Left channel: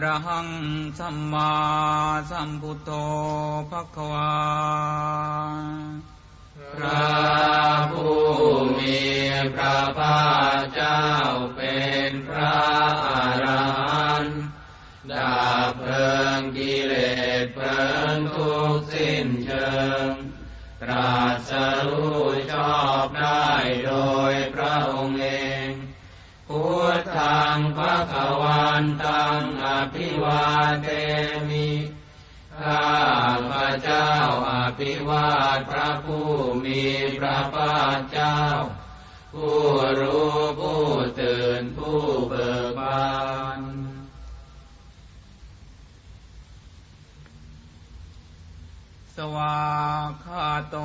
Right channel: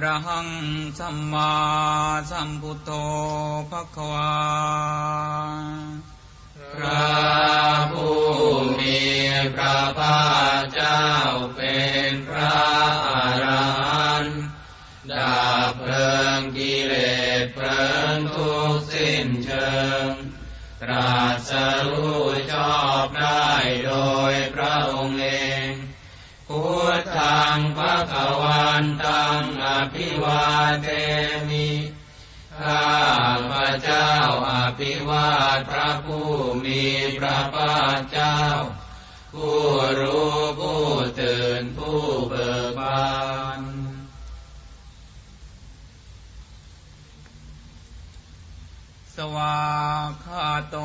ระหังสัมมาสัมพุทโธภะคะวาพระผู้มีพระภาคเจ้าเป็นพระอรหันต์ดับเพลิงกิเลสเพลิงทุกสิ้นเชิงตรัสรู้ชอบ อภิวาเทมิข้าพระเจ้าอภิวาทพระผู้มีพระภาคเจ้า ผู้รู้ผู้ตื่นผู้เบิกบานสวาคาโต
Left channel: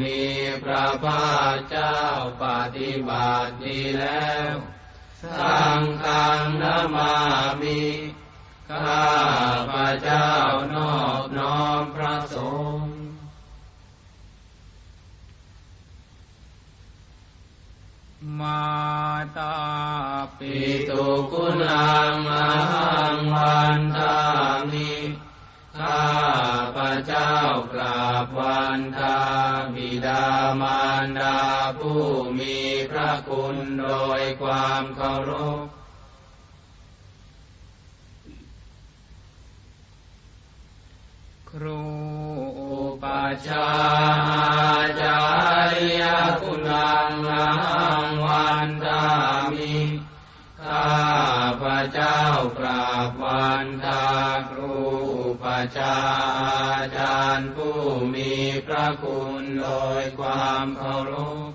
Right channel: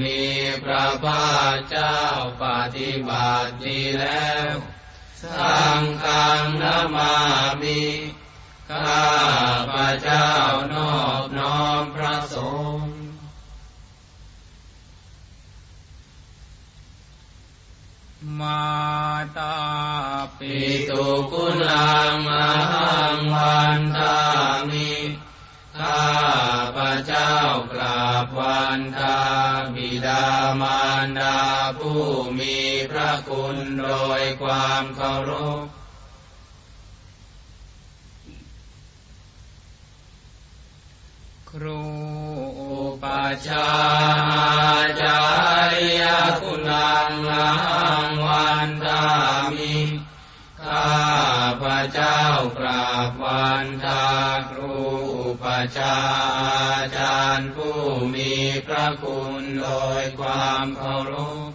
มีพระภาคเจ้าปฏิบัติดีแล้วสังฆังนามามิข้าพระเจ้านอบน้อมพระสงฆ์มาตาปิตุคุณังมหัง พระเจ้ากราบวันทาบิดามารดาผู้มีพระคุณโดยความเคารพครูอุปชายาจารยคุณังมหังวันทามิข้าพระเจ้ากราบวันทาครู ปชาอาจารย์ผู้มีพระคุณโดยความเคารพ